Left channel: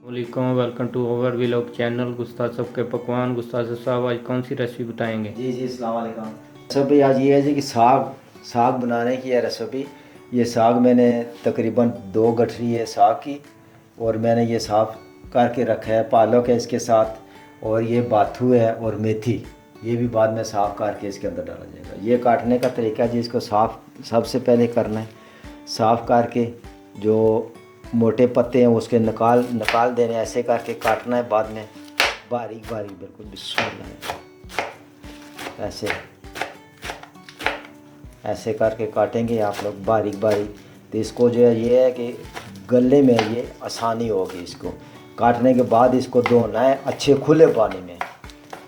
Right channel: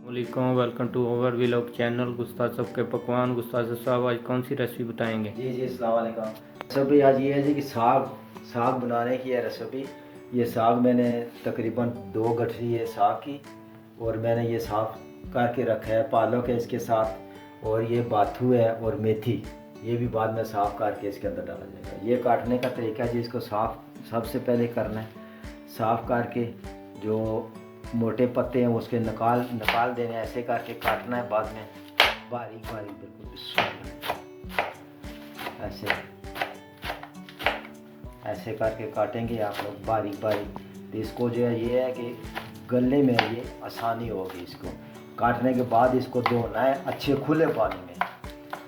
वालेकुम, welcome to our vlog channel. Gustad साहब के पकवान। गुस्ताद साहब आज कौन सी रेसिपी बताएंगे? जी अस्सलाम वालेकुम। रेसिपी आज ये है जी कि साग बनाने की है रेसिपी। ये साग मैंने तकरीबन 2 गठरी है साग की, और मैंने ये साफ करके रखा है। पालक है इसके साथ, और ये बाथू है और मेथी, ये भी बाद में साफ़ करके इसके अंदर डाला जाएगा। ये काटने का तरीका जी, इसको साफ़ सबसे पहले करना है। साफ़ करके जो मोटे पत्ते हैं उसके निकाल देने, ऐसे करके काटना है। बाद में बारीक बारीक बिल्कुल बिस्मिल्लाह ऐसे करके काटेंगे आप लोग बारीक बारीक। तो इसको जो है ये है कि गलने में ये आसानी होगी। इसको काटने के बाद इसको धोना है अच्छे खुले पानी में।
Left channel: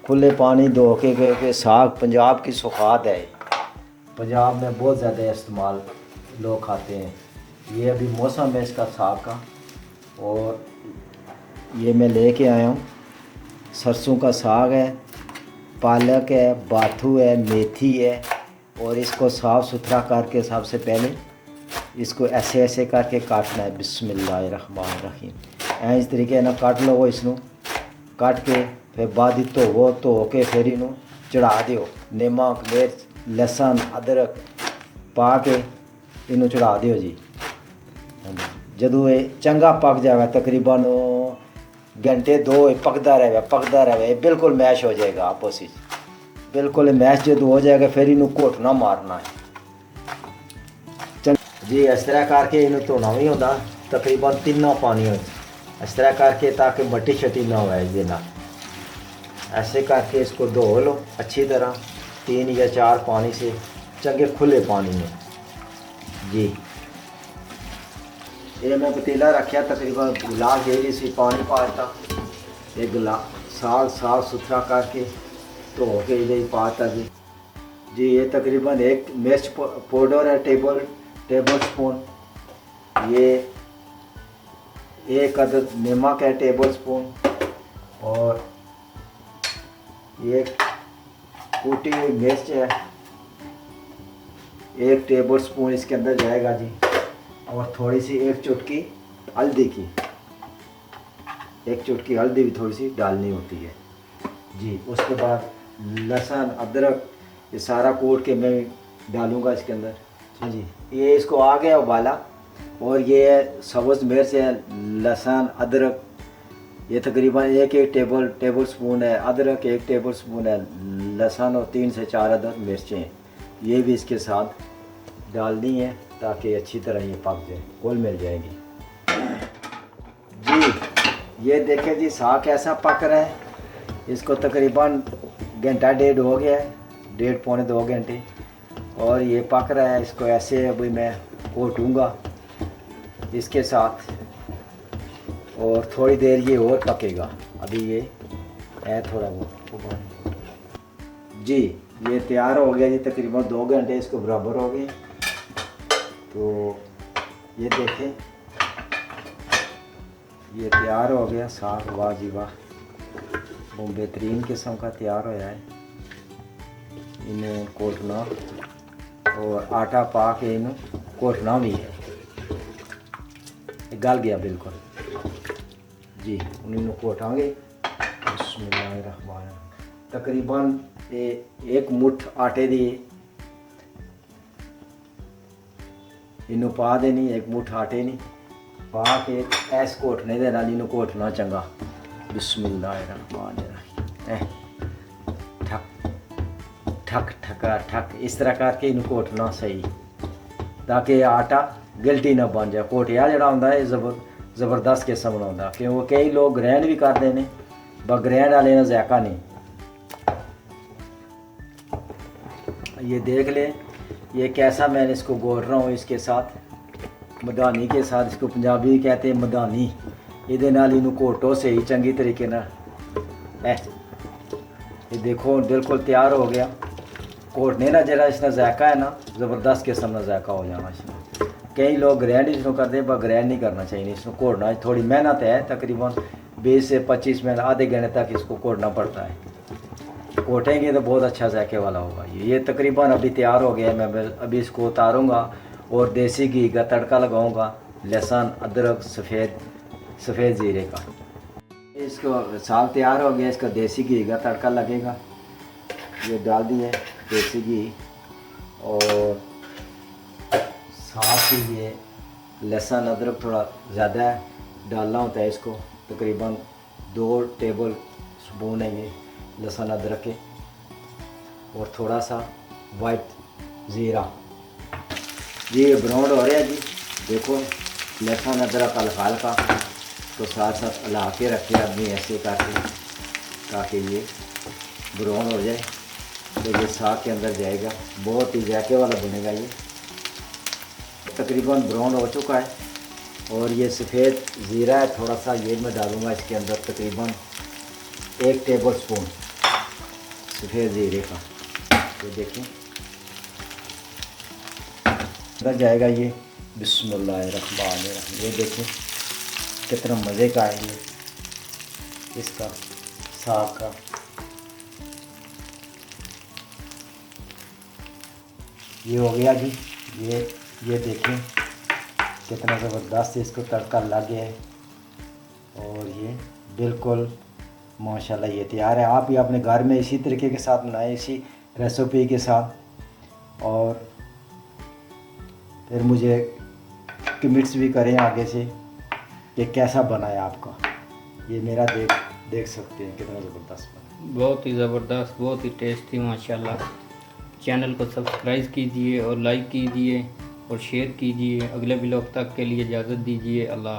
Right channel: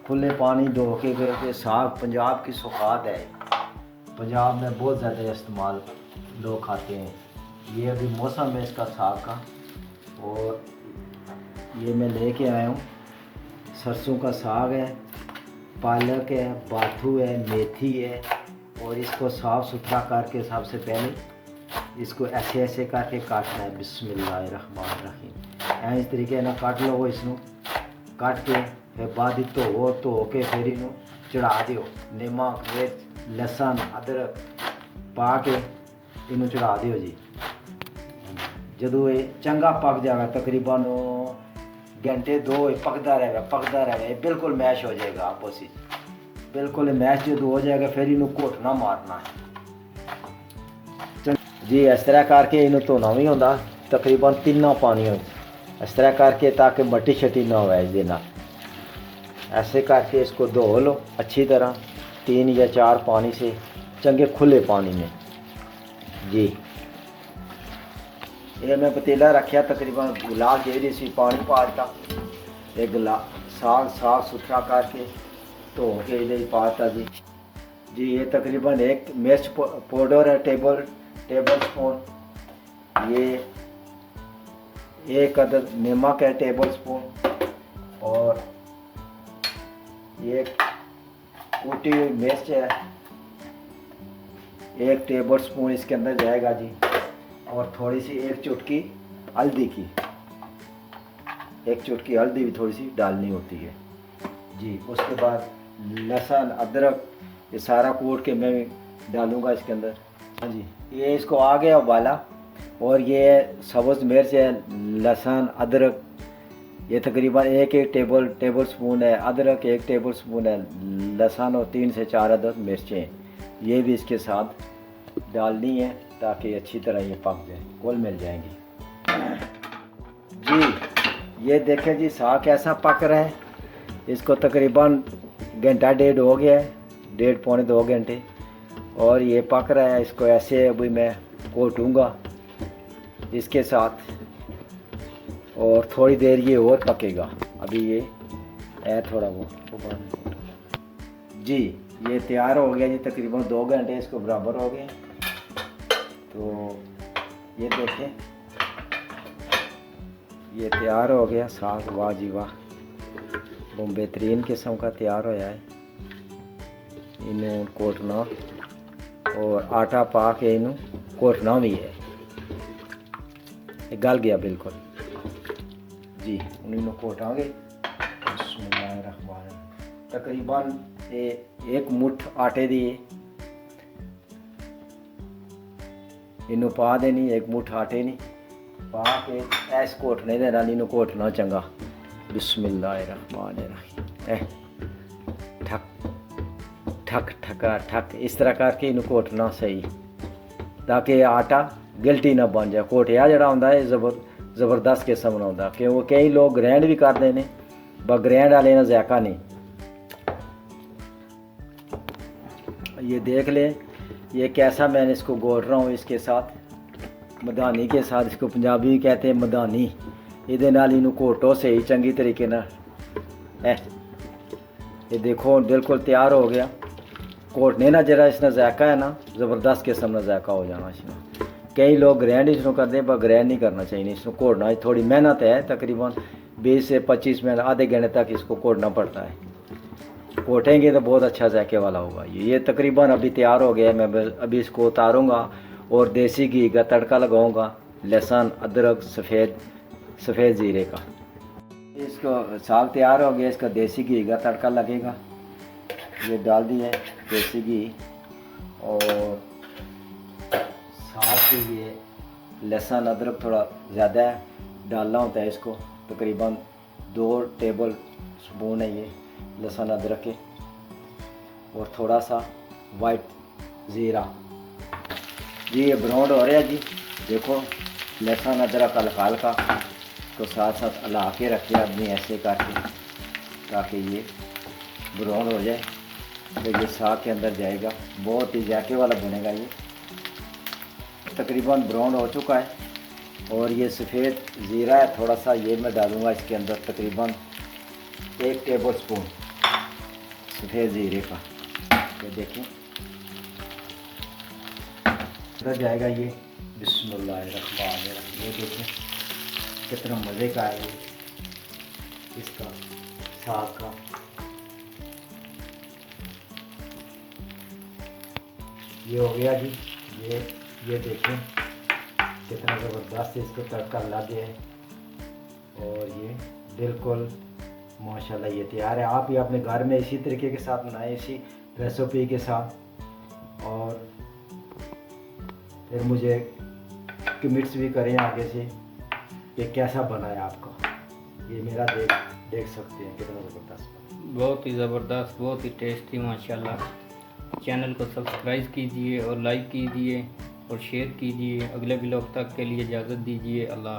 खुले पानी धो के साग पंजाब की सुखात है। पंजाब में बहुत ज़्यादा इस्तेमाल लोग खाते हैं। ये अभी मौसम है इसका साग का। और ये मैं लेके आया हूँ, सरसों का साग है, पालक है, बाथू है, मेथी है। और इसको साफ़ सुथरा करके सबसे पहले इसको ऐसे ऐसे करके काटना है। बिस्मिल्लाहिर्रहमानिर्रहीम। इस तरीके ना काट लो। इसनों काट के फिर बाद धो के फिर इनू चढ़ा दियो। नमक मिर्च लहसुन अदरक पा के इनू चढ़ा दियो जी। जदों ये चंगा पक जाए, तकरीबन घंटे 2 पकता रहे बिल्कुल मैश हो जाएगा। आपस में बिल्कुल मैश जो हो जाएगा, फिर इनू घोटना मारना है जी। इस तरह करके इन्हें धोना भी होता, तकरीबन 3 पानी हो इस तरह करके, ताकि मट्टी शट्टी ना हो। इसके नाल ऐसे करके इसको धो लो अच्छी तरह 3 या 4 पानी से, चंगे खुले पानी में जी। ये मैं पतीला रखा, तकरीबन गिलास डेरी से पानी पाता। एक गिलास साग साफ सुथरा करके धो के इधर पाता जी। ये तकरीबन 1 मिर्च पाउडर है टेबल स्पून। ये 1 अदद नमक है टेबल स्पून। और ये कूटी हुई मिर्च है 1 टेबल स्पून इसके अंदर जाएगा जी। और थोड़ी सी 1 चुटकी हल्दी की, 1 चुटकी हल्दी भी थोड़ी सी डालनी होती है जी। उसके बाद लहसुन अदरक ये सारा कूट के मैं डालूँगा इसके अंदर जी। ये इसको आ गया उबाला। और ये सब्ज़ मिर्च है, लहसुन अदरक ये तकरीबन 1 टेबल स्पून है। अदरक 1 टेबल स्पून है। लहसुन और 3 से 4 अदद मिर्चें ये भी इसके साथ डालनी है, ताकि अच्छी तरह ये पक जाए, घुल मिल जाएगी जी। ये देखें जी साग कैसा पक रहा है। इसको तकरीबन घंटा डेढ़ हो गया है, 1.5 पौने 2 घंटे, और ये पक रहा है। इसको ऐसे अभी मैं घोटूँगा इसके साथ, और थोड़ी देर ये और पकेगा। अभी ये है थोड़ा बहुत जी। ये तैयार हो गया जी, तकरीबन 2 घंटे इसको बराबर हो गए। तो ये देखें ये तैयार हो गया साग। वाह जी वाह, बहुत बेहतरीन किस्म का तैयार होया है। इन्हें कोटना और आटा पा के इन्हें कोटना भी है। गल गया बिल्कुल जी। इन्हें कोटांगे बिस्मिल्लाहिर्रहमानिर्रहीम। तकरीबन 1 मुठ आटे दी इनू पा देनी, 1 मुठ आटे नहीं पा के ऐस घोटने देना। इनू घोटना चंगा। बिस्मिल्लाहिर्रहमानिर्रहीम। ठक ठका ठक इस तरह करके इनू घोटना सही, ताकि आटा गिल्टी ना बन जाए। घोटिया जड़ा होंदा है ज़बरदस्त किस्म का होंदा, क्योंकि कई लोग ग्रैंड भी करते हैं, पर ग्रैंड वाले ना जायका नहीं। ये देख लें ये कैसा मैंने इसको घोट रहा हूँ। इसके साथ मदानी के साथ, इसको पंजाबी भी कहते हैं मदानी। ये नाल इनू घोटो सही चंगी तरीके ना। ये देखो बिल्कुल तैयार हो गया। घोटने ना जरा इसका जायका है ना, ज़बरदस्त किस्म का जायका हो जाना इसमें। कई लोग ग्रैंड इसको करते हैं, पर ग्रैंड नहीं करना चाहिए। इसको घोटना थोड़ी मेहनत है, तकरीबन 20 से 25 मिनट आधे घंटे तक इसको घोटना पड़ता है। घोटेंगे तो बहुत अच्छा जायके वाला होगा। ये तकरीबन अभी तैयार हो गया है। मैं अभी इसको उतारूँगा और देसी घी का तड़का लगाऊँगा, लहसुन अदरक सफ़ेद ज़ीरे का। इसको साग तैयार हो गया, इसका देसी घी का तड़का लगेगा। ये डाल दिए देसी घी और साथ ही ये लहसुन अदरक थोड़ा ज़्यादा डालना होता है इसको, तकरीबन 2 टेबल स्पून है ये लहसुन अदरक के, और थोड़ा सा वाइट ज़ीरा। ये ब्राउन हो रहा है जी, देखो लहसुन अदरक हल्का हल्का, तो साथ साथ हिला के रखे आदमी ऐसे करके ताकि ये ब्राउन हो जाए, तो ये साग के अंदर जाएगा। बहुत ही जायके वाला बनेगा ये। तकरीबन ब्राउन हो चुका है और ये सफ़ेद ज़ीरा है थोड़ा सा, ये मैं डालूँगा इसके अंदर तकरीबन 1 टेबल स्पून सफ़ेद ज़ीरे का। ये देखिए इधर जाएगा ये। बिस्मिल्लाहिर्रहमानिर्रहीम। ये देखिए कितना मज़े का है ये इसका साग का। ये हो गया जी। ये देखिए कितना ज़बरदस्त इसको तड़का लग गया है और ये बिल्कुल माशाल्लाह ये तैयार है। आप भी अपने घर में इसी तरीके के साथ बनाएं, इसी रेसिपी के साथ, और फिर मुझे कमेंट्स भी करें आगे से कि कैसा बना है आपका। ये मेरा देख सकते हैं कितना ज़बरदस्त बना। बहुत ही ज़बरदस्त, बहुत ही टेस्टी माशाल्लाह। चैनल को सब्सक्राइब कीजिए और लाइक कीजिए और शेयर कीजिए। अगले ब्लॉग तक के लिए इजाज़त दीजिए। अल्लाह।